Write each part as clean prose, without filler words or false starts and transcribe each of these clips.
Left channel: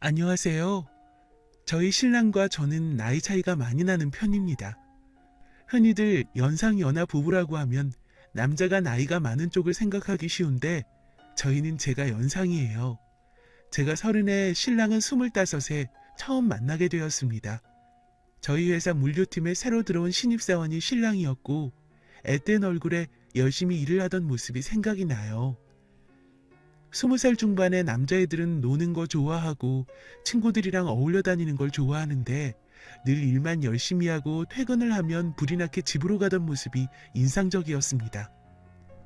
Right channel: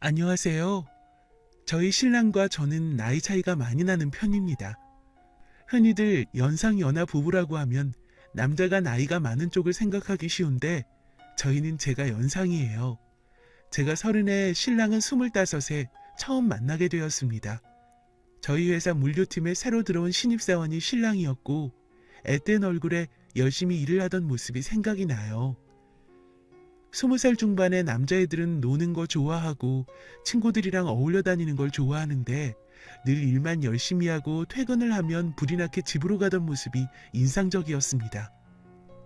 안녕하세요. 저희 신랑과 저는 나이 차이가 많이 나는 편입니다. 흔히들 연상연하 부부라고 하면 남자가 나이가 많은 쪽을 생각하기 쉬운데 저희는 제가 연상이에요. 제가 30에 신랑은 25에 처음 만나게 되었습니다. 저희 회사 물류팀에 새로 들어온 신입사원이 신랑이었고 앳된 얼굴에 열심히 일을 하던 모습이 생각이 나요. 20살 중반의 남자애들은 노는 거 좋아하고 친구들이랑 어울려 다니는 걸 좋아하는데 늘 일만 열심히 하고 퇴근을 하면 불이 나게 집으로 가던 모습이 인상적이었습니다.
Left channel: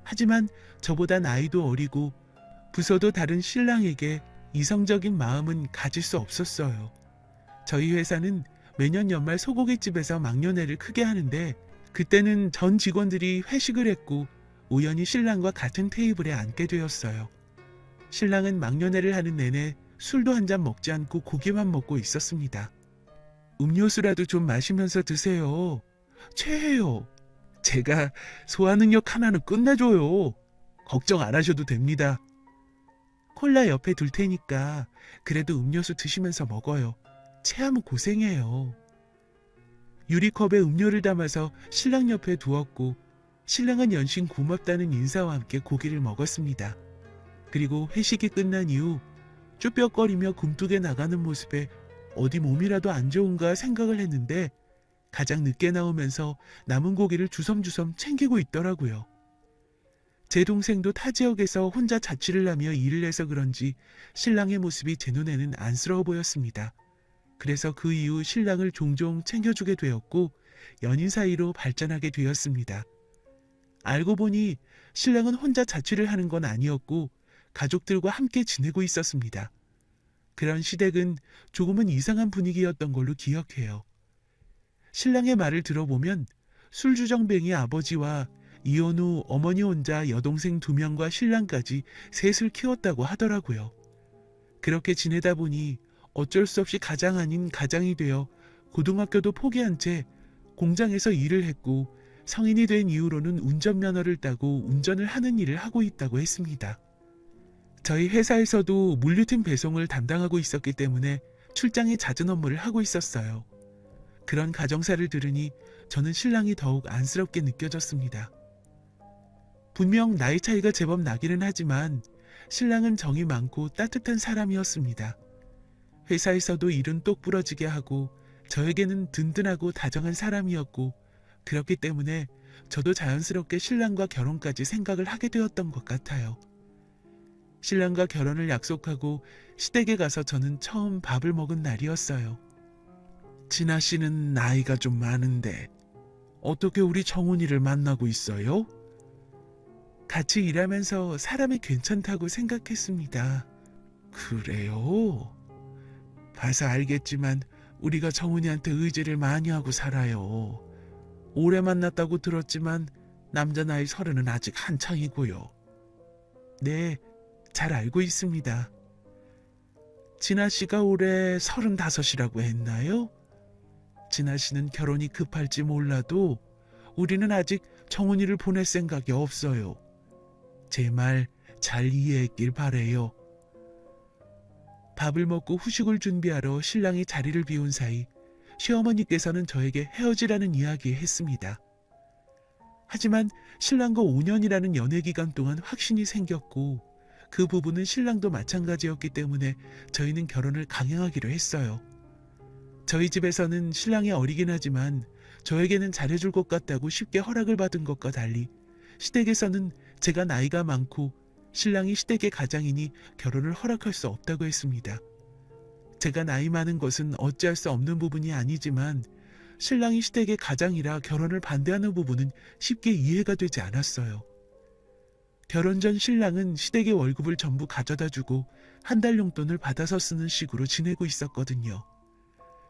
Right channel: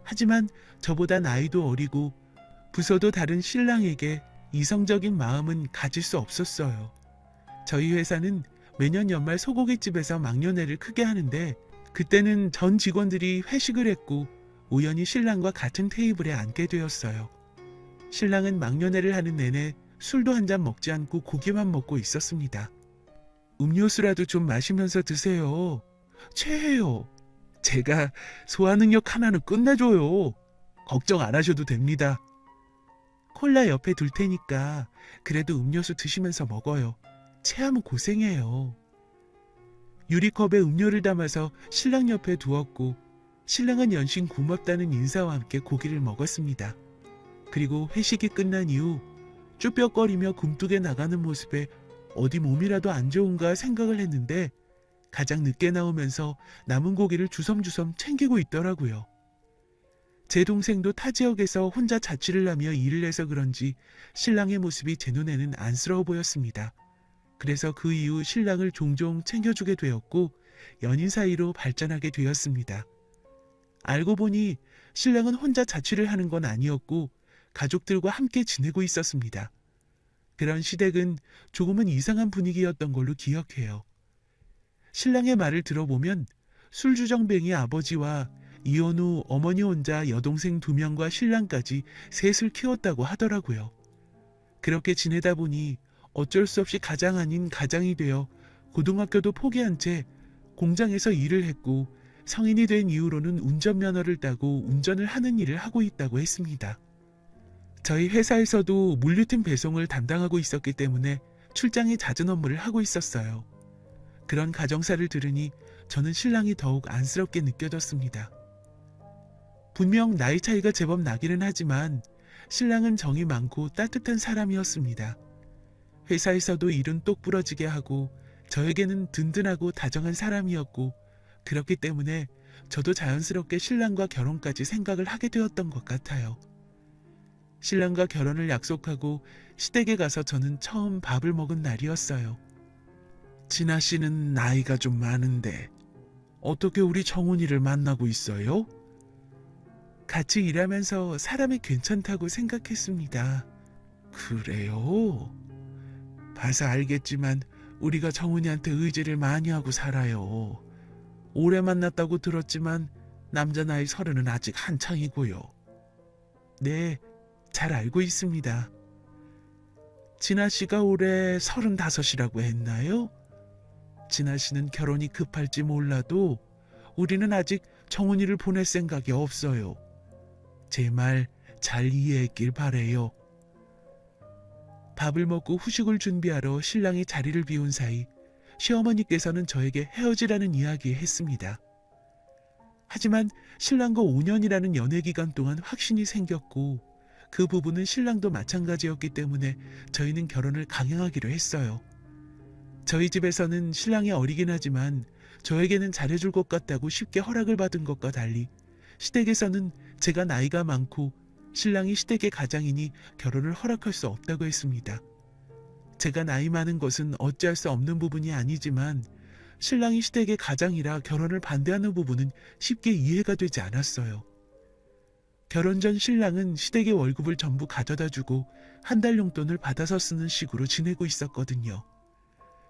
하지만 저보다 나이도 어리고 부서도 다른 신랑에게 이성적인 마음은 가질 수 없었어요. 저희 회사는 매년 연말 소고기집에서 막년회를 크게 하는데 그때는 전 직원들이 회식을 했고 우연히 신랑과 같은 테이블에 앉게 되었어요. 신랑은 막년회를 하는 내내 술도 한 잔 먹지 않고 고기만 먹고 있었습니다. 음료수라도 좀 마시면서 드세요. 체해요. 제가 소화능력 하나는 끝내줘요. 걱정 안 하셔도 됩니다. 콜라 옆에 둘 테니까 그래도 음료수 드시면서 먹어요. 체하면 고생해요. 유리컵에 음료를 담아서 신랑 옆에 두었고 신랑은 연신 고맙다는 인사와 함께 고기를 먹었습니다. 그리고 회식이 끝난 이후 쭈뼛거리며 굼뜨게 나가는 모습에 어디 몸이라도 안 좋은가 생각을 했는데 가장 늦게 나오면서 남은 고기를 주섬주섬 챙기고 있더라고요. 제 동생도 타 지역에서 혼자 자취를 하며 일을 해서 그런지 신랑의 모습이 제 눈에는 안쓰러워 보였습니다. 그래서 그 이후 신랑을 종종 챙겨주게 되었고 연인 사이로 발전하게 되었습니다. 알고 보니 신랑은 혼자 자취를 하는 건 아니었고 가족들과 함께 지내고 있었습니다. 그런 시댁은 조금은 이상한 분위기였던 걸로 기억해요. 신랑의 말을 들어보면 술주정뱅이 아버지와 이혼 후 어머니 혼자 여동생 2명과 신랑까지 셋을 키웠다고 하더라고요. 그렇게 지내다 보니 어쩔 수 없이 가장 아닌 가장이 되어 고등학교도 포기한 채 공장에서 일을 했고 성인이 된 이후로는 운전면허를 따고 운전을 하는 일을 하고 있다고 했습니다. 저희 회사에서도 물류팀 배송을 담당하고 있었기 때문에 출장에 잦은 업무를 하고 있었어요. 그런 가정사를 들으니 저는 신랑이 더욱 안쓰럽게 느껴졌습니다. 분명 나이 차이가 제법 나기는 하지만 신랑은 정이 많고 따뜻한 사람이었습니다. 회사에서도 일은 똑부러지게 하고 저에게는 든든하고 다정한 사람이었고 그렇기 때문에 저도 자연스럽게 신랑과 결혼까지 생각을 하게 되었던 것 같아요. 신랑과 결혼을 약속하고 시댁에 가서 저는 처음 밥을 먹은 날이었어요. 진아 씨는 나이가 좀 많은데 어떻게 우리 정훈이를 만나고 있어요? 같이 일하면서 사람이 괜찮다고 생각했습니다. 그래요? 봐서 알겠지만 우리가 정훈이한테 의지를 많이 하고 살아요. 오래 만났다고 들었지만 남자 나이 30은 아직 한창이고요. 네, 잘 알고 있습니다. 진아 씨가 올해 35이라고 했나요? 진아 씨는 결혼이 급할지 몰라도 우리는 아직 정훈이를 보낼 생각이 없어요. 제 말 잘 이해했길 바래요. 밥을 먹고 후식을 준비하러 신랑이 자리를 비운 사이 시어머니께서는 저에게 헤어지라는 이야기 했습니다. 하지만 신랑과 5년이라는 연애 기간 동안 확신이 생겼고 그 부분은 신랑도 마찬가지였기 때문에 저희는 결혼을 강행하기로 했어요. 저희 집에서는 신랑이 어리긴 하지만 저에게는 잘해줄 것 같다고 쉽게 허락을 받은 것과 달리 시댁에서는 제가 나이가 많고 신랑이 시댁의 가장이니 결혼을 허락할 수 없다고 했습니다. 제가 나이 많은 것은 어찌할 수 없는 부분이 아니지만 신랑이 시댁의 가장이라 결혼을 반대하는 부분은 쉽게 이해가 되지 않았어요. 결혼 전 신랑은 시댁의 월급을 전부 가져다 주고 한 달 용돈을 받아서 쓰는 식으로 지내고 있었거든요.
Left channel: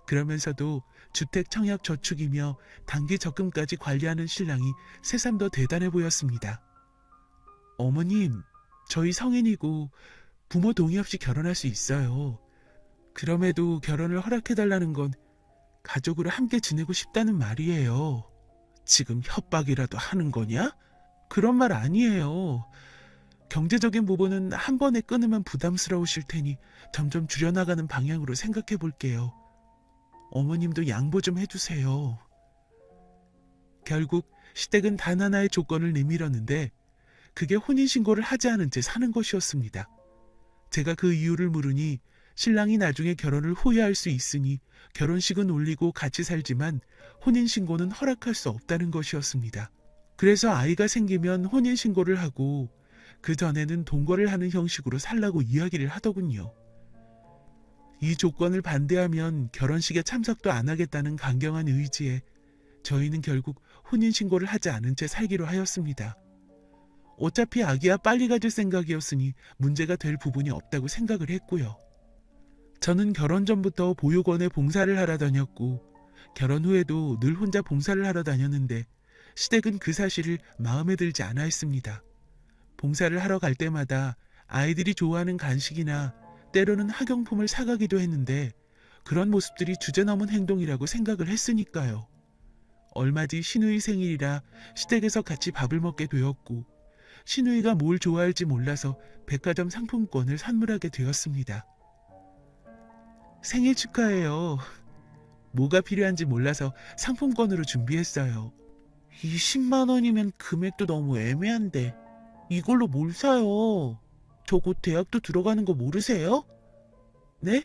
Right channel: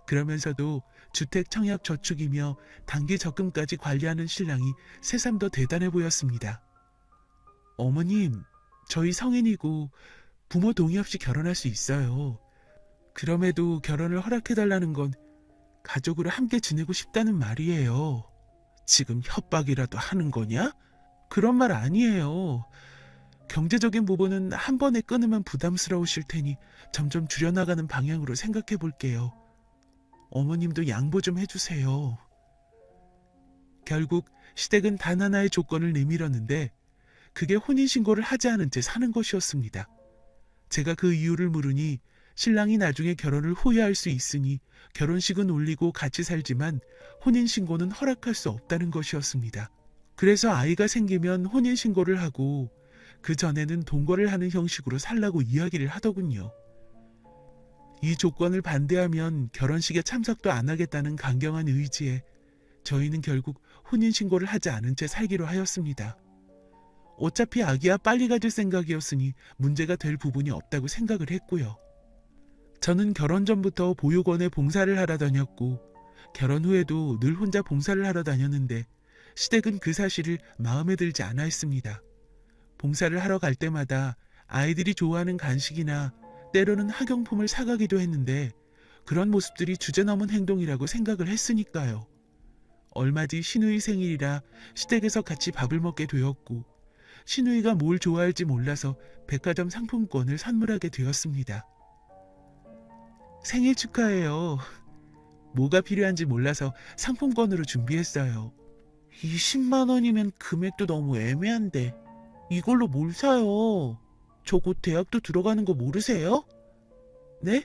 그러면서도 주택 청약 저축이며 단기 적금까지 관리하는 신랑이 새삼 더 대단해 보였습니다. 어머님, 저희 성인이고 부모 동의 없이 결혼할 수 있어요. 그럼에도 결혼을 허락해달라는 건 가족으로 함께 지내고 싶다는 말이에요. 지금 협박이라도 하는 거냐? 그런 말 아니에요. 경제적인 부분은 한 번에 끊으면 부담스러우실 테니 점점 줄여나가는 방향으로 생각해 볼게요. 어머님도 양보 좀 해주세요. 결국 시댁은 단 하나의 조건을 내밀었는데 그게 혼인신고를 하지 않은 채 사는 것이었습니다. 제가 그 이유를 물으니 신랑이 나중에 결혼을 후회할 수 있으니 결혼식은 올리고 같이 살지만 혼인신고는 허락할 수 없다는 것이었습니다. 그래서 아이가 생기면 혼인신고를 하고 그 전에는 동거를 하는 형식으로 살라고 이야기를 하더군요. 이 조건을 반대하면 결혼식에 참석도 안 하겠다는 강경한 의지에 저희는 결국 혼인신고를 하지 않은 채 살기로 하였습니다. 어차피 아기야 빨리 가질 생각이었으니 문제가 될 부분이 없다고 생각을 했고요. 저는 결혼 전부터 보육원에 봉사를 하러 다녔고 결혼 후에도 늘 혼자 봉사를 하러 다녔는데 시댁은 그 사실을 마음에 들지 않아 했습니다. 봉사를 하러 갈 때마다 아이들이 좋아하는 간식이나 때로는 학용품을 사가기도 했는데 그런 모습들이 주제넘은 행동이라고 생각을 했으니까요. 얼마 뒤 시누이 생일이라 시댁에서 같이 밥을 먹게 되었고 시누이가 뭘 좋아할지 몰라서 백화점 상품권을 선물하게 되었습니다. 생일 축하해요. 뭐가 필요한지 몰라서 상품권으로 준비했어요. 20만 원이면 금액도 너무 애매한데 이걸로 뭘 사요? 저 곧 대학도 들어가는 거 모르세요? 네?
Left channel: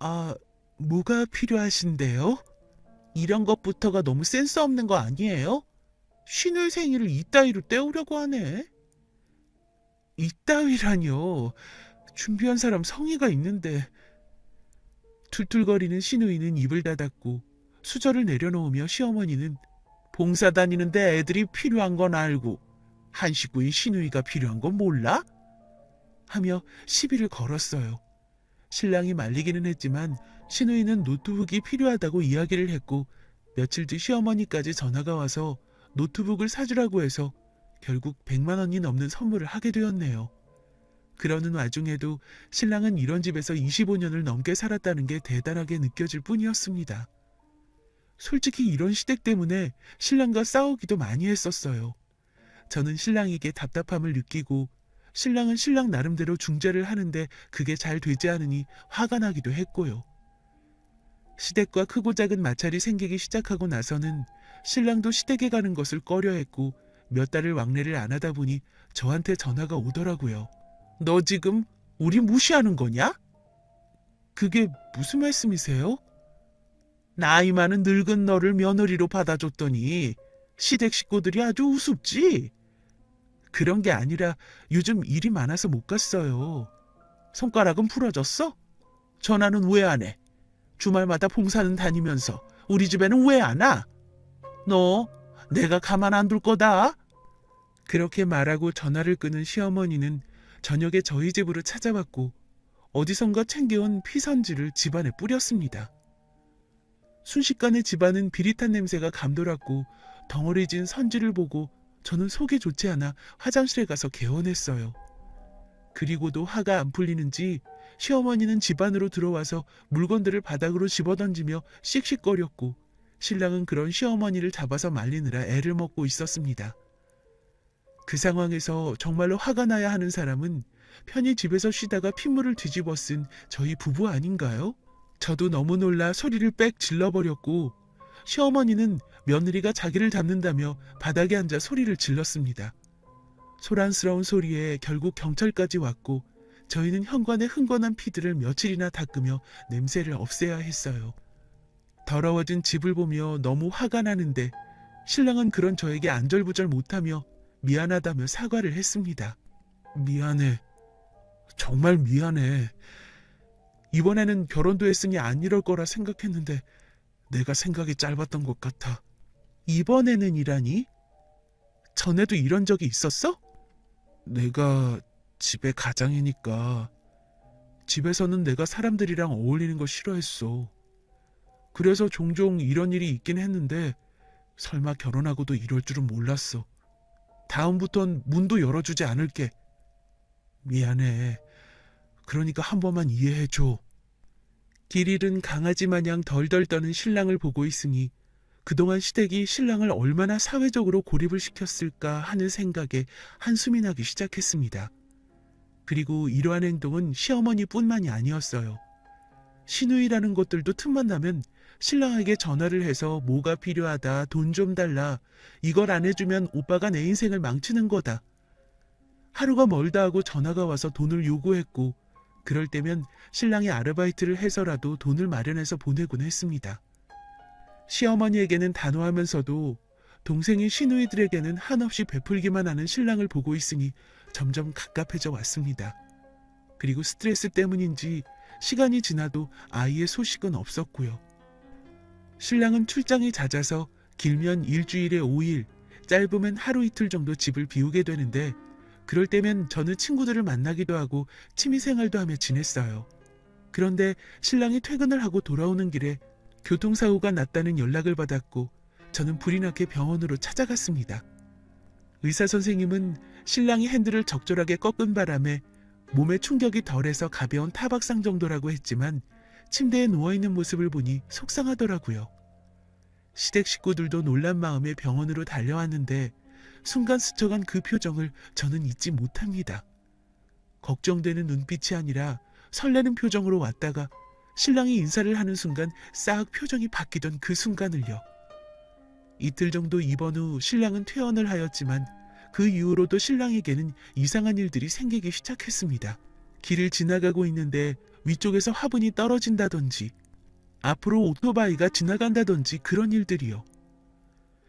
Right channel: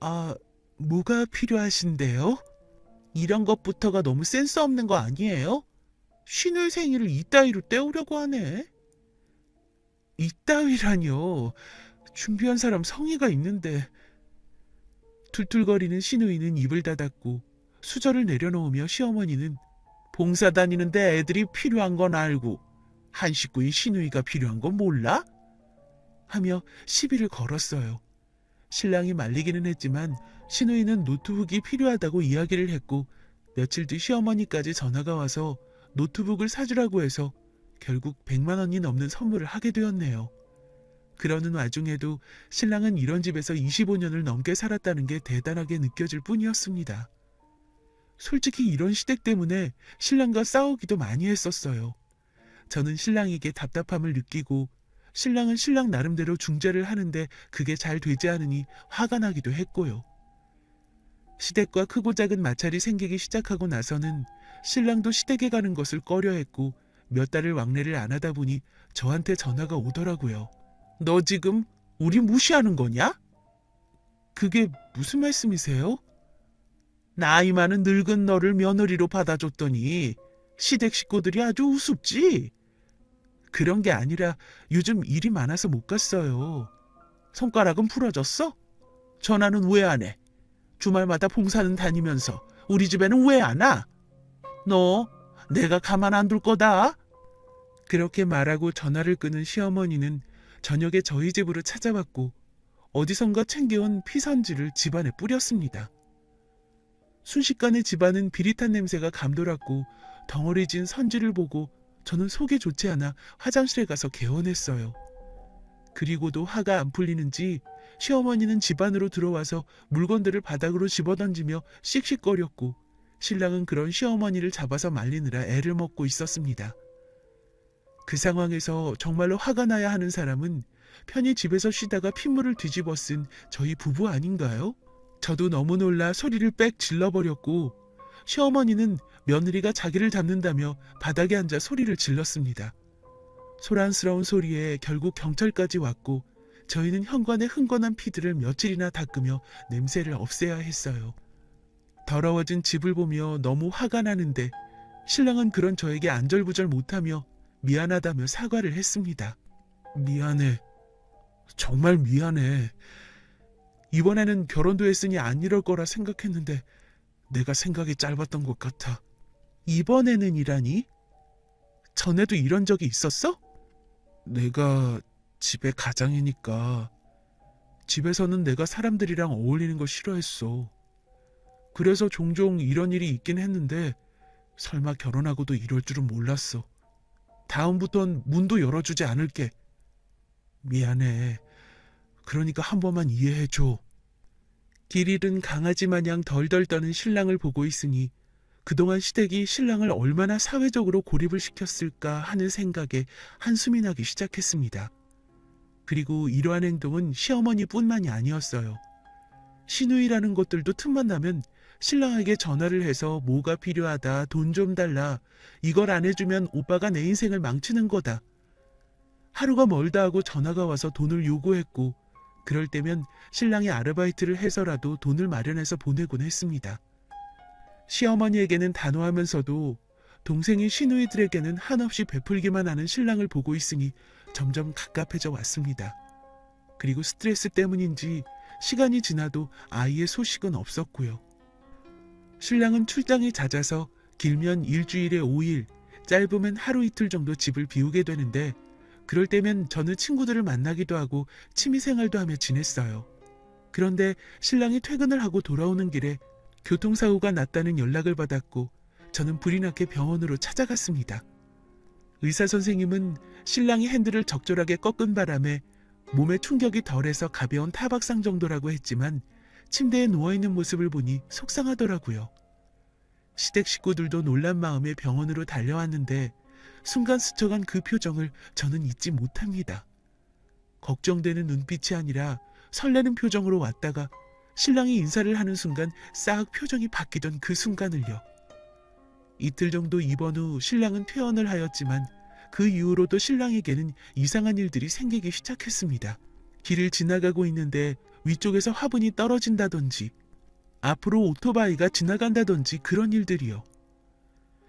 아, 뭐가 필요하신데요? 이런 것부터가 너무 센스 없는 거 아니에요? 신우의 생일을 이따위로 때우려고 하네. 이따위라뇨. 준비한 사람 성의가 있는데. 툴툴거리는 시누이는 입을 닫았고 수저를 내려놓으며 시어머니는 봉사 다니는데 애들이 필요한 건 알고 한 식구의 시누이가 필요한 건 몰라? 하며 시비를 걸었어요. 신랑이 말리기는 했지만 시누이는 노트북이 필요하다고 이야기를 했고 며칠 뒤 시어머니까지 전화가 와서 노트북을 사주라고 해서 결국 100만 원이 넘는 선물을 하게 되었네요. 그러는 와중에도 신랑은 이런 집에서 25년을 넘게 살았다는 게 대단하게 느껴질 뿐이었습니다. 솔직히 이런 시댁 때문에 신랑과 싸우기도 많이 했었어요. 저는 신랑에게 답답함을 느끼고 신랑은 신랑 나름대로 중재를 하는데 그게 잘 되지 않으니 화가 나기도 했고요. 시댁과 크고 작은 마찰이 생기기 시작하고 나서는 신랑도 시댁에 가는 것을 꺼려했고 몇 달을 왕래를 안 하다 보니 저한테 전화가 오더라고요. 너 지금 우리 무시하는 거냐? 그게 무슨 말씀이세요? 나이 많은 늙은 너를 며느리로 받아줬더니 시댁 식구들이 아주 우습지? 그런 게 아니라 요즘 일이 많아서 못 갔어요. 손가락은 부러졌어? 전화는 왜 안 해? 주말마다 봉사는 다니면서 우리 집에는 왜 안 와? 너 내가 가만 안 둘 거다. 그렇게 말하고 전화를 끊은 시어머니는 저녁에 저희 집으로 찾아왔고 어디선가 챙겨온 피선지를 집안에 뿌렸습니다. 순식간에 집안은 비릿한 냄새가 감돌았고 덩어리진 선지를 보고 저는 속이 좋지 않아 화장실에 가서 개원했어요. 그리고도 화가 안 풀리는지 시어머니는 집 안으로 들어와서 물건들을 바닥으로 집어던지며 씩씩거렸고 신랑은 그런 시어머니를 잡아서 말리느라 애를 먹고 있었습니다. 그 상황에서 정말로 화가 나야 하는 사람은 편히 집에서 쉬다가 핏물을 뒤집어 쓴 저희 부부 아닌가요? 저도 너무 놀라 소리를 빽 질러버렸고 시어머니는 며느리가 자기를 잡는다며 바닥에 앉아 소리를 질렀습니다. 소란스러운 소리에 결국 경찰까지 왔고 저희는 현관에 흥건한 피들을 며칠이나 닦으며 냄새를 없애야 했어요. 더러워진 집을 보며 너무 화가 나는데 신랑은 그런 저에게 안절부절 못하며 미안하다며 사과를 했습니다. 미안해. 정말 미안해. 이번에는 결혼도 했으니 안 이럴 거라 생각했는데 내가 생각이 짧았던 것 같아. 이번에는 이라니? 전에도 이런 적이 있었어? 내가 집의 가장이니까 집에서는 내가 사람들이랑 어울리는 거 싫어했어. 그래서 종종 이런 일이 있긴 했는데 설마 결혼하고도 이럴 줄은 몰랐어. 다음부턴 문도 열어주지 않을게. 미안해. 그러니까 한 번만 이해해줘. 길 잃은 강아지 마냥 덜덜 떠는 신랑을 보고 있으니 그동안 시댁이 신랑을 얼마나 사회적으로 고립을 시켰을까 하는 생각에 한숨이 나기 시작했습니다. 그리고 이러한 행동은 시어머니뿐만이 아니었어요. 시누이라는 것들도 틈만 나면 신랑에게 전화를 해서 뭐가 필요하다, 돈 좀 달라, 이걸 안 해주면 오빠가 내 인생을 망치는 거다. 하루가 멀다 하고 전화가 와서 돈을 요구했고, 그럴 때면 신랑이 아르바이트를 해서라도 돈을 마련해서 보내곤 했습니다. 시어머니에게는 단호하면서도 동생의 시누이들에게는 한없이 베풀기만 하는 신랑을 보고 있으니 점점 갑갑해져 왔습니다. 그리고 스트레스 때문인지 시간이 지나도 아이의 소식은 없었고요. 신랑은 출장이 잦아서 길면 일주일에 5일, 짧으면 하루 이틀 정도 집을 비우게 되는데, 그럴 때면 저는 친구들을 만나기도 하고 취미생활도 하며 지냈어요. 그런데 신랑이 퇴근을 하고 돌아오는 길에 교통사고가 났다는 연락을 받았고, 저는 불이 나게 병원으로 찾아갔습니다. 의사 선생님은 신랑이 핸들을 적절하게 꺾은 바람에 몸에 충격이 덜해서 가벼운 타박상 정도라고 했지만, 침대에 누워있는 모습을 보니 속상하더라고요. 시댁 식구들도 놀란 마음에 병원으로 달려왔는데, 순간 스쳐간 그 표정을 저는 잊지 못합니다. 걱정되는 눈빛이 아니라 설레는 표정으로 왔다가 신랑이 인사를 하는 순간 싹 표정이 바뀌던 그 순간을요. 이틀 정도 입원 후 신랑은 퇴원을 하였지만, 그 이후로도 신랑에게는 이상한 일들이 생기기 시작했습니다. 길을 지나가고 있는데 위쪽에서 화분이 떨어진다든지, 앞으로 오토바이가 지나간다든지 그런 일들이요.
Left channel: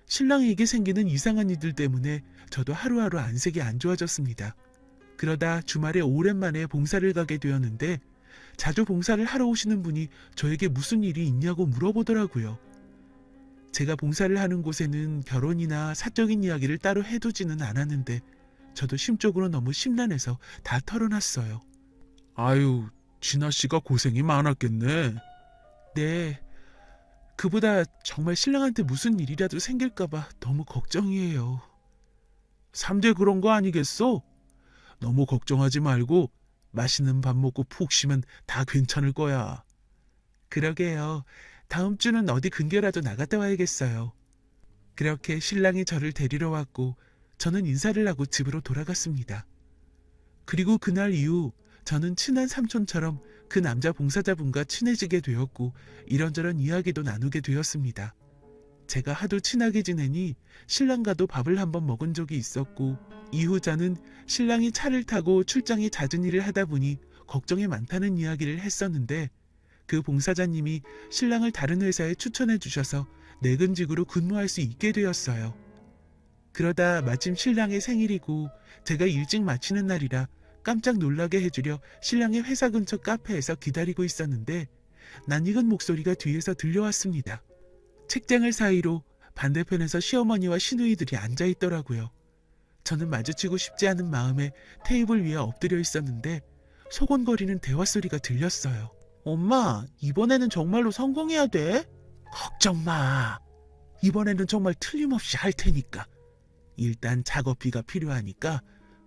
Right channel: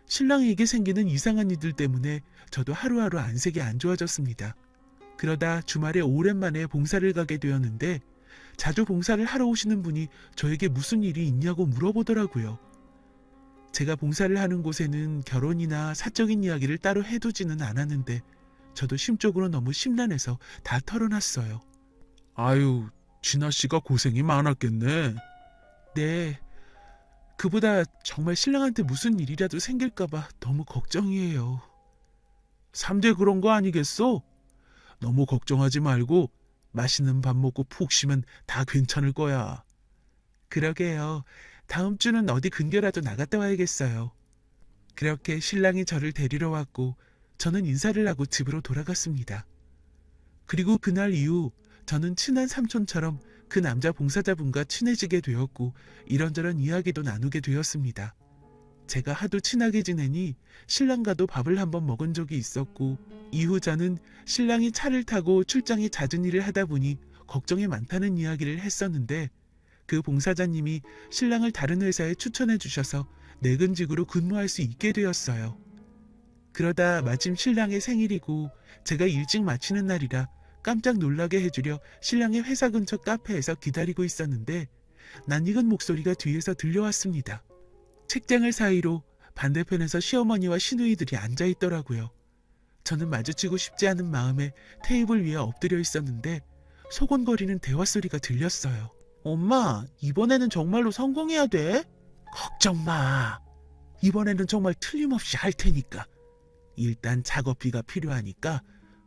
신랑에게 생기는 이상한 일들 때문에 저도 하루하루 안색이 안 좋아졌습니다. 그러다 주말에 오랜만에 봉사를 가게 되었는데, 자주 봉사를 하러 오시는 분이 저에게 무슨 일이 있냐고 물어보더라고요. 제가 봉사를 하는 곳에는 결혼이나 사적인 이야기를 따로 해두지는 않았는데, 저도 심적으로 너무 심란해서 다 털어놨어요. 아유, 진아씨가 고생이 많았겠네. 네, 그보다 정말 신랑한테 무슨 일이라도 생길까봐 너무 걱정이에요. 3대 그런 거 아니겠어? 너무 걱정하지 말고 맛있는 밥 먹고 푹 쉬면 다 괜찮을 거야. 그러게요. 다음 주는 어디 근교라도 나갔다 와야겠어요. 그렇게 신랑이 저를 데리러 왔고, 저는 인사를 하고 집으로 돌아갔습니다. 그리고 그날 이후 저는 친한 삼촌처럼 그 남자 봉사자분과 친해지게 되었고, 이런저런 이야기도 나누게 되었습니다. 제가 하도 친하게 지내니 신랑과도 밥을 한번 먹은 적이 있었고, 이후 저는 신랑이 차를 타고 출장이 잦은 일을 하다 보니 걱정이 많다는 이야기를 했었는데, 그 봉사자님이 신랑을 다른 회사에 추천해 주셔서 내근직으로 근무할 수 있게 되었어요. 그러다 마침 신랑의 생일이고 제가 일찍 마치는 날이라 깜짝 놀라게 해주려 신랑의 회사 근처 카페에서 기다리고 있었는데, 낯익은 목소리가 뒤에서 들려왔습니다. 책장을 사이로 반대편에서 시어머니와 시누이들이 앉아있더라고요. 저는 마주치고 싶지 않은 마음에 테이블 위에 엎드려 있었는데, 소곤거리는 대화 소리가 들렸어요. 엄마, 이번에는 정말로 성공해야 돼? 걱정 마. 이번에는 정말 틀림없이 할 테니까. 일단 작업비가 필요하니까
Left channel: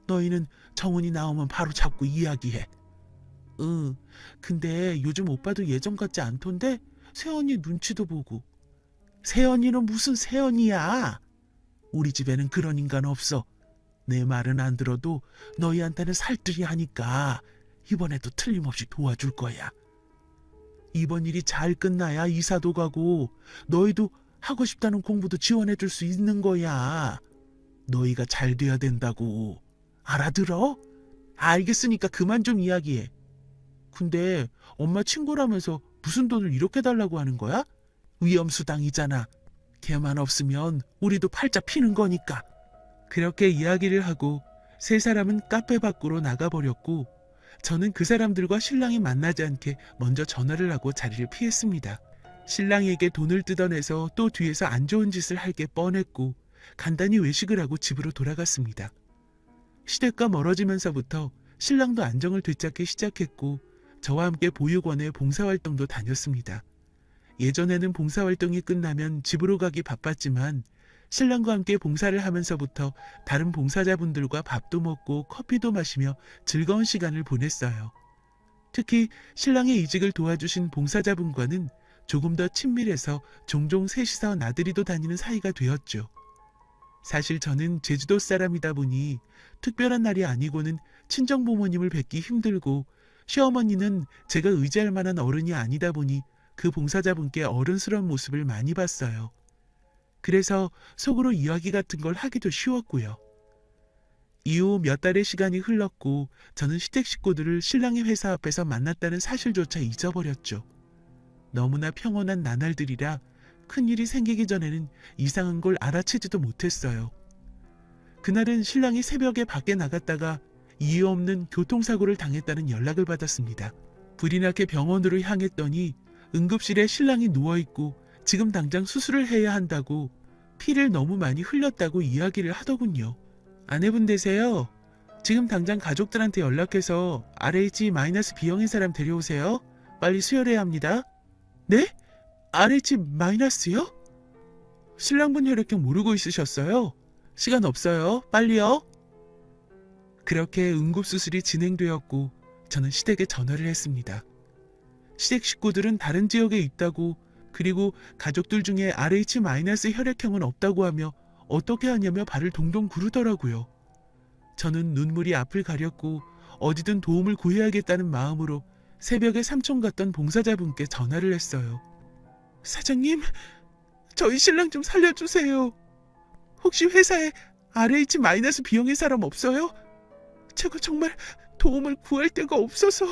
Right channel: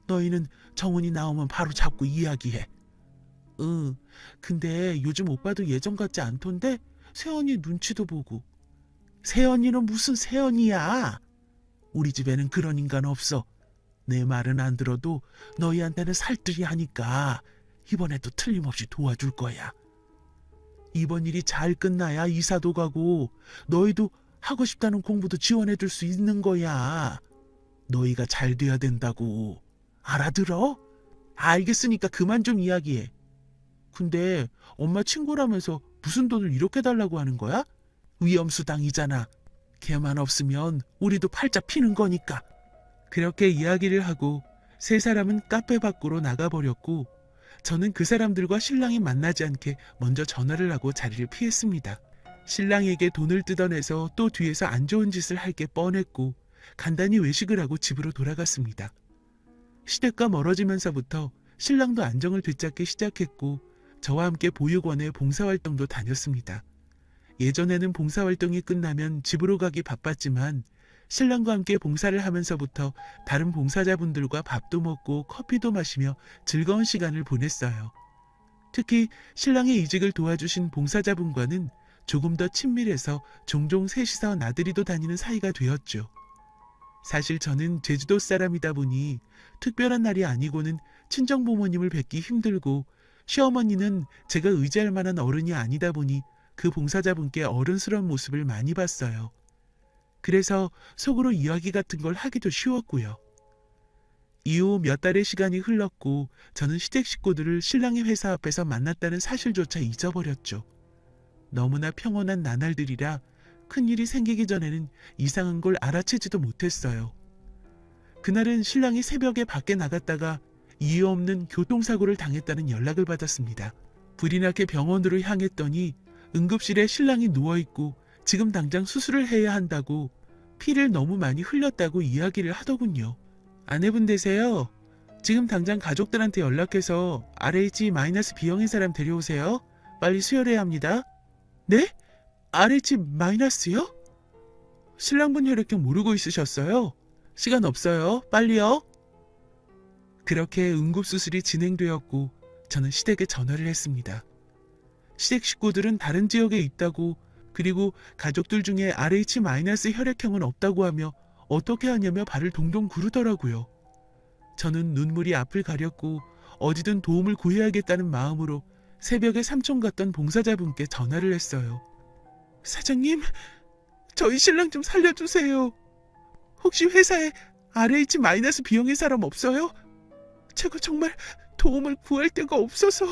너희는 정훈이 나오면 바로 잡고 이야기해. 응, 근데 요즘 오빠도 예전 같지 않던데? 새언니 눈치도 보고. 새언니는 무슨 새언니야? 우리 집에는 그런 인간 없어. 내 말은 안 들어도 너희한테는 살뜰히 하니까 이번에도 틀림없이 도와줄 거야. 이번 일이 잘 끝나야 이사도 가고 너희도 하고 싶다는 공부도 지원해 줄 수 있는 거야. 너희가 잘 돼야 된다고. 알아들어? 알겠으니까 그만 좀 이야기해. 근데 엄마 친구라면서 무슨 돈을 이렇게 달라고 하는 거야? 위험수당이잖아. 걔만 없으면 우리도 팔자 피는 거니까. 그렇게 이야기를 하고 세 사람은 카페 밖으로 나가버렸고, 저는 그 사람들과 신랑이 만나지 않게 먼저 전화를 하고 자리를 피했습니다. 신랑에게 돈을 뜯어내서 또 뒤에서 안 좋은 짓을 할 게 뻔했고, 간단히 외식을 하고 집으로 돌아갔습니다. 시댁과 멀어지면서부터 신랑도 안정을 되찾기 시작했고, 저와 함께 보육원에 봉사활동도 다녔습니다. 예전에는 봉사활동이 끝나면 집으로 가기 바빴지만, 신랑과 함께 봉사를 하면서부터 다른 봉사자분들과 밥도 먹고 커피도 마시며 즐거운 시간을 보냈어요. 특히 신랑의 이직을 도와주신 봉사자분과는 조금 더 친밀해서 종종 셋이서 나들이도 다니는 사이가 되었죠. 사실 저는 제주도 사람이다 보니 특별한 날이 아니고는 친정 부모님을 뵙기 힘들고, 시어머니는 제가 의지할 만한 어른이 아니다 보니 그 봉사자분께 어른스러운 모습을 많이 봤어요. 그래서 속으로 이야기 같은 걸 하기도 쉬웠고요. 이후 몇 달의 시간이 흘렀고 저는 시댁 식구들을 신랑의 회사 앞에서 만났다는 사실조차 잊어버렸죠. 너무나 평온한 나날들이라 큰일이 생기기 전에는 이상한 걸 알아채지도 못했어요. 그날은 신랑이 새벽에 밖에 나갔다가 이유 없는 교통사고를 당했다는 연락을 받았습니다. 불이 나게 병원으로 향했더니 응급실에 신랑이 누워있고 지금 당장 수술을 해야 한다고, 피를 너무 많이 흘렸다고 이야기를 하더군요. 아내분 되세요? 지금 당장 가족들한테 연락해서 RH-B형인 사람 데려오세요. 빨리 수혈해야 합니다. 네? RH-요? 신랑분 혈액형 모르고 있으셨어요? 시간 없어요. 빨리요. 그렇게 응급수술이 진행되었고 저는 시댁에 전화를 했습니다. 시댁 식구들은 다른 지역에 있다고, 그리고 가족들 중에 RH- 혈액형은 없다고 하며 어떻게 하냐며 발을 동동 구르더라고요. 저는 눈물이 앞을 가렸고 어디든 도움을 구해야겠다는 마음으로 새벽에 삼촌 같던 봉사자분께 전화를 했어요. 사장님, 저희 신랑 좀 살려주세요. 혹시 회사에 RH-B형인 사람 없어요? 제가 정말 도움을 구할 데가 없어서.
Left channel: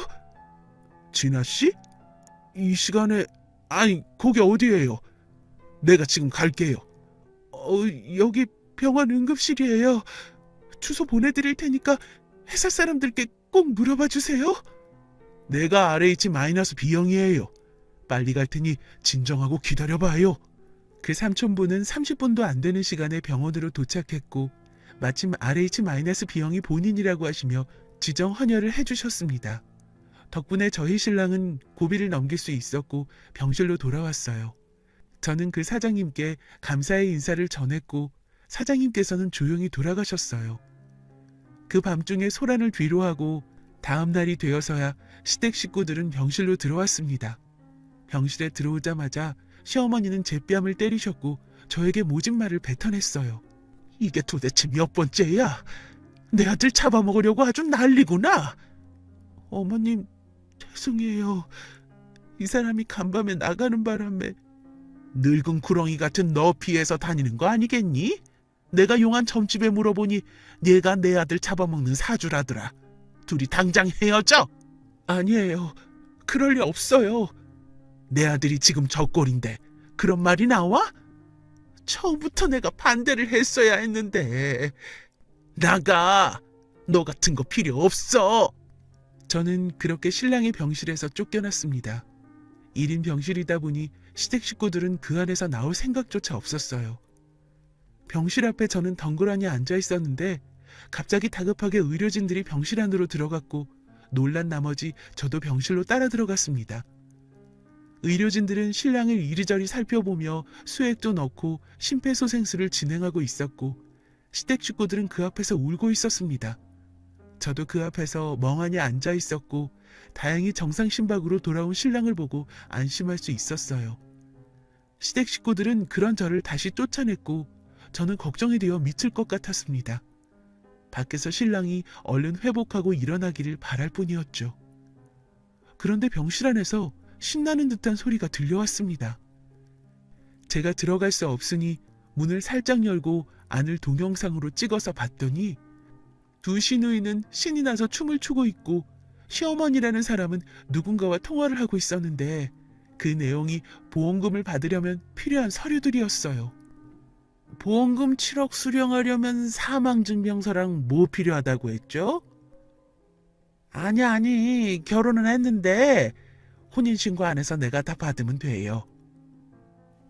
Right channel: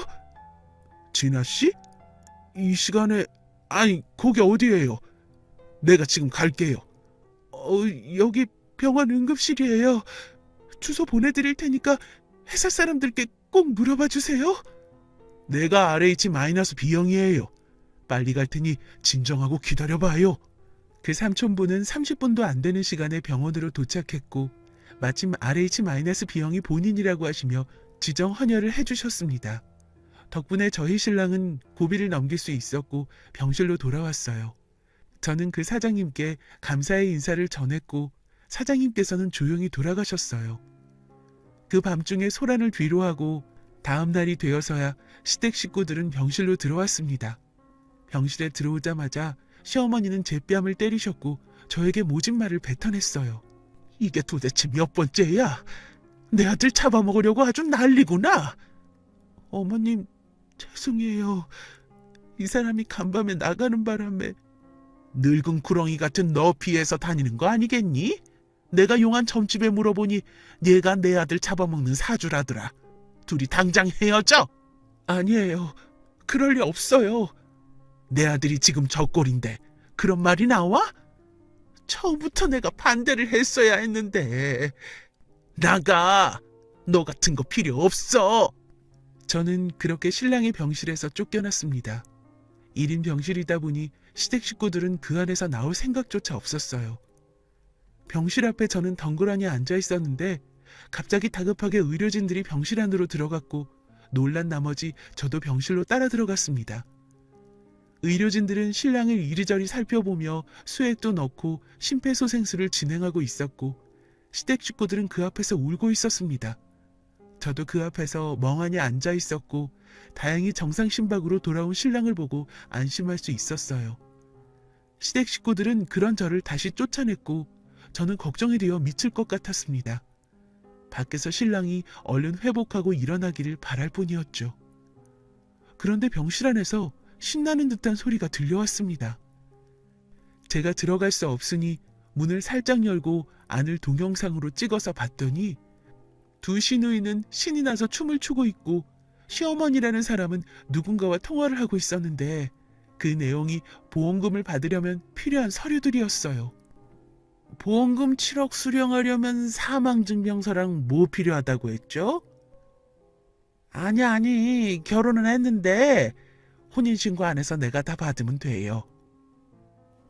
진아씨? 이 시간에... 아니, 거기 어디예요? 내가 지금 갈게요. 여기 병원 응급실이에요. 주소 보내드릴 테니까 회사 사람들께 꼭 물어봐 주세요. 내가 RH-B형이에요. 빨리 갈 테니 진정하고 기다려봐요. 그 삼촌분은 30분도 안 되는 시간에 병원으로 도착했고 마침 RH-B형이 본인이라고 하시며 지정 헌혈을 해주셨습니다. 덕분에 저희 신랑은 고비를 넘길 수 있었고 병실로 돌아왔어요. 저는 그 사장님께 감사의 인사를 전했고 사장님께서는 조용히 돌아가셨어요. 그 밤중에 소란을 뒤로하고 다음 날이 되어서야 시댁 식구들은 병실로 들어왔습니다. 병실에 들어오자마자 시어머니는 제 뺨을 때리셨고 저에게 모진 말을 뱉어냈어요. 이게 도대체 몇 번째야? 내 아들 잡아먹으려고 아주 난리구나. 어머님, 죄송해요. 이 사람이 간밤에 나가는 바람에. 늙은 구렁이 같은 너 피해서 다니는 거 아니겠니? 내가 용한 점집에 물어보니 얘가 내 아들 잡아먹는 사주라더라. 둘이 당장 헤어져. 아니에요. 그럴 리 없어요. 내 아들이 지금 저 꼴인데 그런 말이 나와? 처음부터 내가 반대를 했어야 했는데. 나가. 너 같은 거 필요 없어. 저는 그렇게 신랑의 병실에서 쫓겨났습니다. 1인 병실이다 보니 시댁 식구들은 그 안에서 나올 생각조차 없었어요. 병실 앞에 저는 덩그러니 앉아 있었는데 갑자기 다급하게 의료진들이 병실 안으로 들어갔고 놀란 나머지 저도 병실로 따라 들어갔습니다. 의료진들은 신랑을 이리저리 살펴보며 수액도 넣고 심폐소생술을 진행하고 있었고 시댁 식구들은 그 앞에서 울고 있었습니다. 저도 그 앞에서 멍하니 앉아 있었고 다행히 정상 심박으로 돌아온 신랑을 보고 안심할 수 있었어요. 시댁 식구들은 그런 저를 다시 쫓아냈고 저는 걱정이 되어 미칠 것 같았습니다. 밖에서 신랑이 얼른 회복하고 일어나기를 바랄 뿐이었죠. 그런데 병실 안에서 신나는 듯한 소리가 들려왔습니다. 제가 들어갈 수 없으니 문을 살짝 열고 안을 동영상으로 찍어서 봤더니 두 시누이는 신이 나서 춤을 추고 있고 시어머니라는 사람은 누군가와 통화를 하고 있었는데 그 내용이 보험금을 받으려면 필요한 서류들이었어요. 보험금 7억 수령하려면 사망증명서랑 뭐 필요하다고 했죠? 아니, 결혼은 했는데 혼인신고 안 해서 내가 다 받으면 돼요.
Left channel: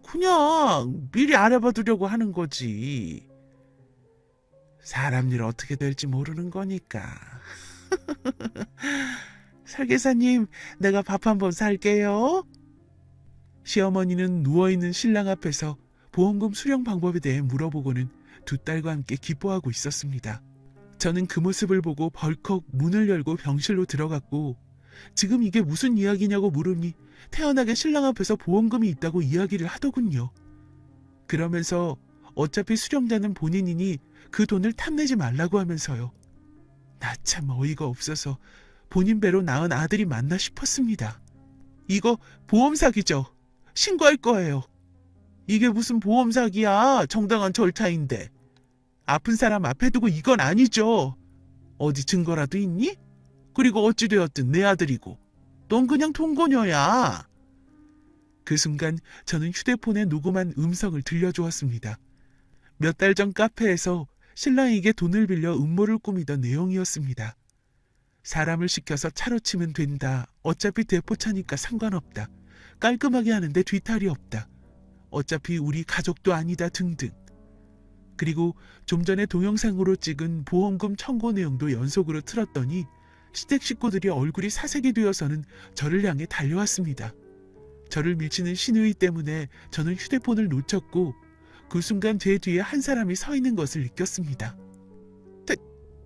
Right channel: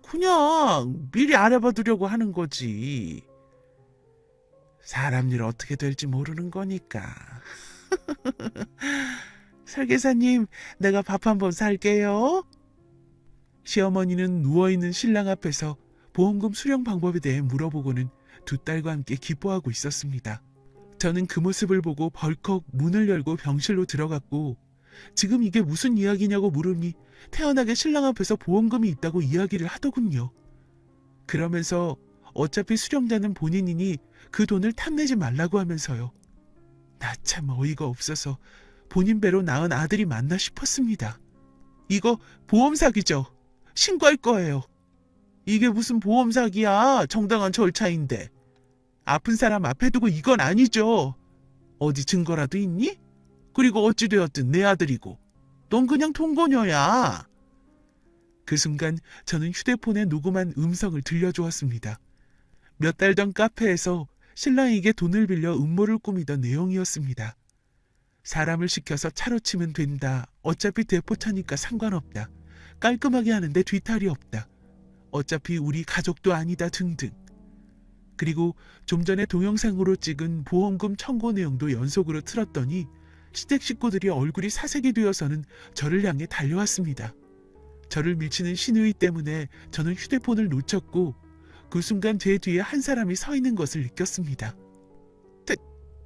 그냥 미리 알아봐두려고 하는 거지. 사람 일 어떻게 될지 모르는 거니까. 설계사님, 내가 밥 한번 살게요. 시어머니는 누워있는 신랑 앞에서 보험금 수령 방법에 대해 물어보고는 두 딸과 함께 기뻐하고 있었습니다. 저는 그 모습을 보고 벌컥 문을 열고 병실로 들어갔고 지금 이게 무슨 이야기냐고 물으니 태연하게 신랑 앞에서 보험금이 있다고 이야기를 하더군요. 그러면서 어차피 수령자는 본인이니 그 돈을 탐내지 말라고 하면서요. 나 참 어이가 없어서 본인 배로 낳은 아들이 맞나 싶었습니다. 이거 보험 사기죠. 신고할 거예요. 이게 무슨 보험 사기야. 정당한 절차인데. 아픈 사람 앞에 두고 이건 아니죠. 어디 증거라도 있니? 그리고 어찌되었든 내 아들이고 넌 그냥 통고녀야. 그 순간 저는 휴대폰에 녹음한 음성을 들려주었습니다. 몇 달 전 카페에서 신랑에게 돈을 빌려 음모를 꾸미던 내용이었습니다. 사람을 시켜서 차로 치면 된다. 어차피 대포차니까 상관없다. 깔끔하게 하는데 뒤탈이 없다. 어차피 우리 가족도 아니다 등등. 그리고 좀 전에 동영상으로 찍은 보험금 청구 내용도 연속으로 틀었더니 시댁 식구들이 얼굴이 사색이 되어서는 저를 향해 달려왔습니다. 저를 밀치는 신우이 때문에 저는 휴대폰을 놓쳤고 그 순간 제 뒤에 한 사람이 서 있는 것을 느꼈습니다.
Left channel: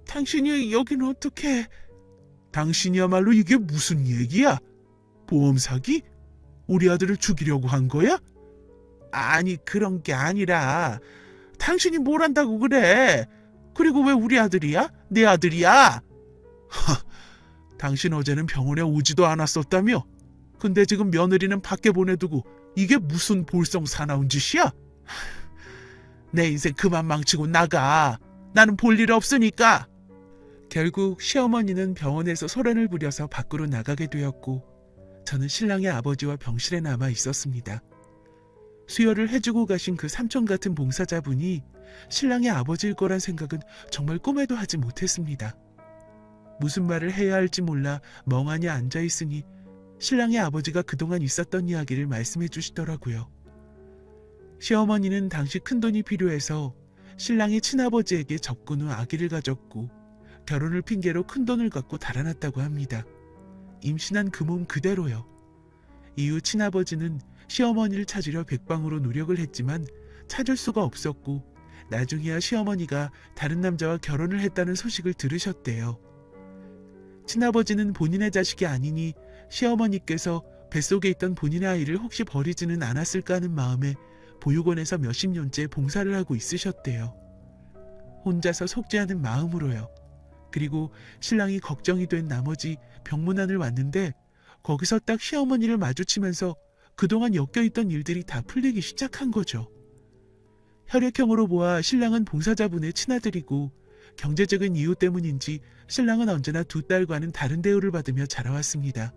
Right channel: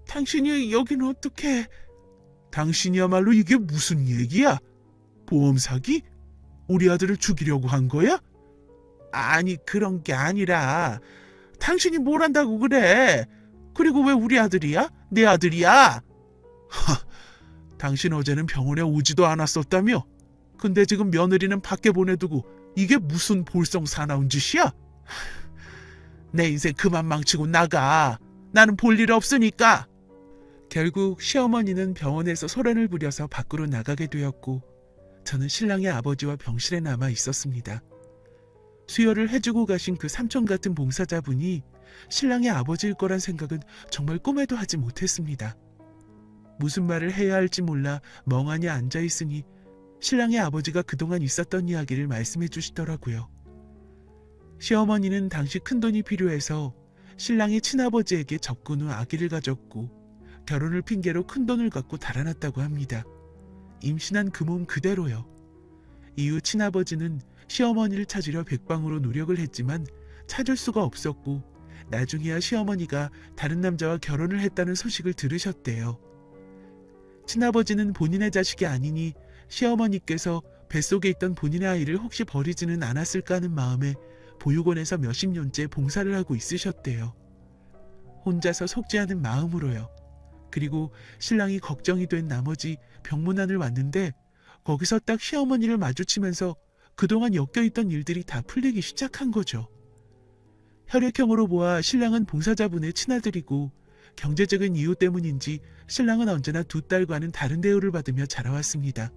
당신이 여기는 어떻게... 당신이야말로 이게 무슨 얘기야? 보험 사기? 우리 아들을 죽이려고 한 거야? 아니 그런 게 아니라 당신이 뭘 한다고 그래? 그리고 왜 우리 아들이야? 내 아들이야? 당신 어제는 병원에 오지도 않았었다며? 근데 지금 며느리는 밖에 보내두고 이게 무슨 볼썽사나운 짓이야? 내 인생 그만 망치고 나가. 나는 볼 일 없으니까. 결국 시어머니는 병원에서 소란을 부려서 밖으로 나가게 되었고 저는 신랑의 아버지와 병실에 남아 있었습니다. 수혈을 해주고 가신 그 삼촌 같은 봉사자분이 신랑의 아버지일 거란 생각은 정말 꿈에도 하지 못했습니다. 무슨 말을 해야 할지 몰라 멍하니 앉아있으니 신랑의 아버지가 그동안 있었던 이야기를 말씀해 주시더라고요. 시어머니는 당시 큰돈이 필요해서 신랑의 친아버지에게 접근 후 아기를 가졌고 결혼을 핑계로 큰돈을 갖고 달아났다고 합니다. 임신한 그 몸 그대로요. 이후 친아버지는 시어머니를 찾으려 백방으로 노력을 했지만 찾을 수가 없었고 나중에야 시어머니가 다른 남자와 결혼을 했다는 소식을 들으셨대요. 친아버지는 본인의 자식이 아니니 시어머니께서 뱃속에 있던 본인의 아이를 혹시 버리지는 않았을까 하는 마음에 보육원에서 몇십 년째 봉사를 하고 있으셨대요. 혼자서 속지 않은 마음으로요. 그리고 신랑이 걱정이 된 나머지 병문안을 왔는데 거기서 딱 시어머니를 마주치면서 그동안 엮여있던 일들이 다 풀리기 시작한 거죠. 혈액형으로 보아 신랑은 봉사자분의 친아들이고 경제적인 이유 때문인지 신랑은 언제나 두 딸과는 다른 대우를 받으며 자라왔습니다.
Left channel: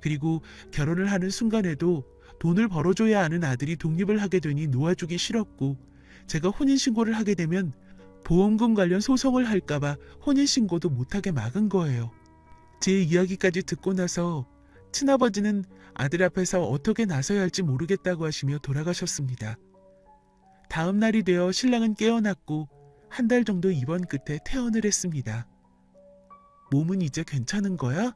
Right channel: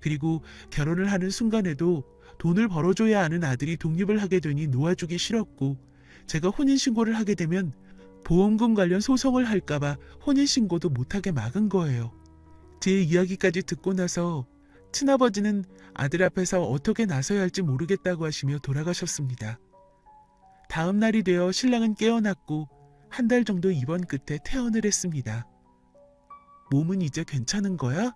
그리고 결혼을 하는 순간에도 돈을 벌어줘야 하는 아들이 독립을 하게 되니 놓아주기 싫었고 제가 혼인신고를 하게 되면 보험금 관련 소송을 할까봐 혼인신고도 못하게 막은 거예요. 제 이야기까지 듣고 나서 친아버지는 아들 앞에서 어떻게 나서야 할지 모르겠다고 하시며 돌아가셨습니다. 다음 날이 되어 신랑은 깨어났고 한 달 정도 입원 끝에 퇴원을 했습니다. 몸은 이제 괜찮은 거야?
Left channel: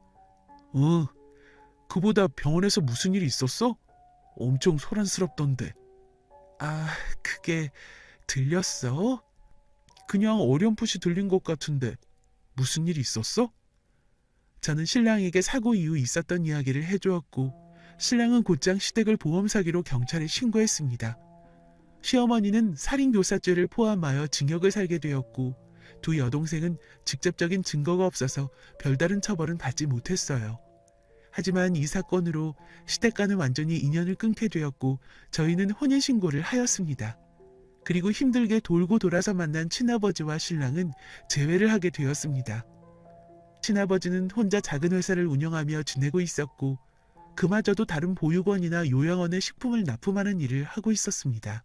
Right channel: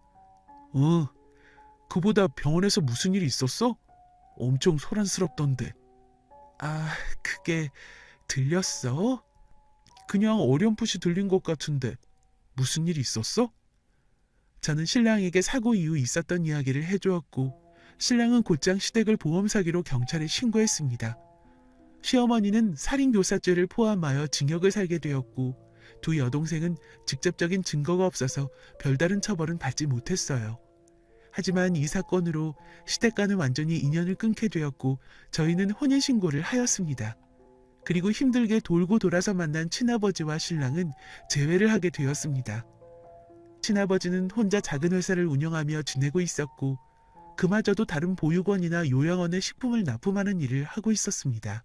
그보다 병원에서 무슨 일이 있었어? 엄청 소란스럽던데. 그게 들렸어? 그냥 어렴풋이 들린 것 같은데 무슨 일이 있었어? 저는 신랑에게 사고 이후 있었던 이야기를 해주었고 신랑은 곧장 시댁을 보험 사기로 경찰에 신고했습니다. 시어머니는 살인교사죄를 포함하여 징역을 살게 되었고 두 여동생은 직접적인 증거가 없어서 별다른 처벌은 받지 못했어요. 하지만 이 사건으로 시댁과는 완전히 인연을 끊게 되었고 저희는 혼인신고를 하였습니다. 그리고 힘들게 돌고 돌아서 만난 친아버지와 신랑은 재회를 하게 되었습니다. 친아버지는 혼자 작은 회사를 운영하며 지내고 있었고 그마저도 다른 보육원이나 요양원에 식품을 납품하는 일을 하고 있었습니다.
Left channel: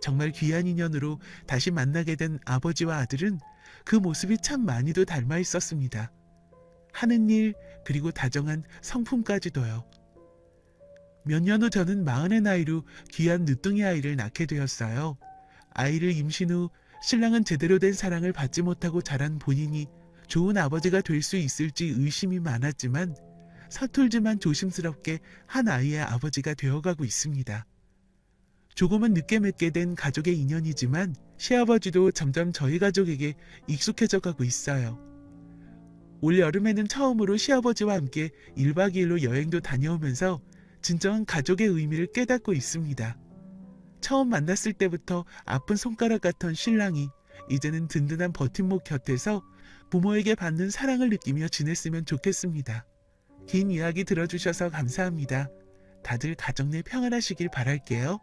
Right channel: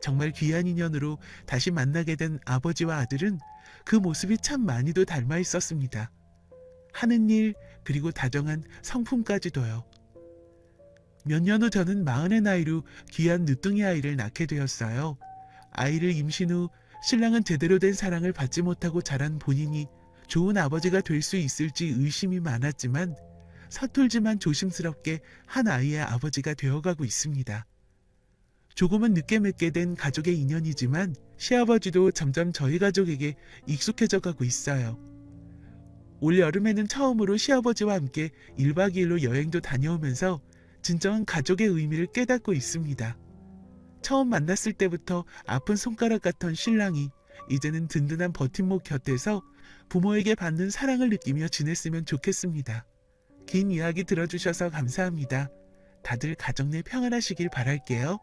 정말 귀한 인연으로 다시 만나게 된 아버지와 아들은 그 모습이 참 많이도 닮아 있었습니다. 하는 일 그리고 다정한 성품까지도요. 몇 년 후 저는 40의 나이로 귀한 늦둥이 아이를 낳게 되었어요. 아이를 임신 후 신랑은 제대로 된 사랑을 받지 못하고 자란 본인이 좋은 아버지가 될 수 있을지 의심이 많았지만 서툴지만 조심스럽게 한 아이의 아버지가 되어가고 있습니다. 조금은 늦게 맺게 된 가족의 인연이지만 시아버지도 점점 저희 가족에게 익숙해져 가고 있어요. 올 여름에는 처음으로 시아버지와 함께 1박 2일로 여행도 다녀오면서 진정한 가족의 의미를 깨닫고 있습니다. 처음 만났을 때부터 아픈 손가락 같던 신랑이 이제는 든든한 버팀목 곁에서 부모에게 받는 사랑을 느끼며 지냈으면 좋겠습니다. 긴 이야기 들어주셔서 감사합니다. 다들 가정 내 평안하시길 바랄게요.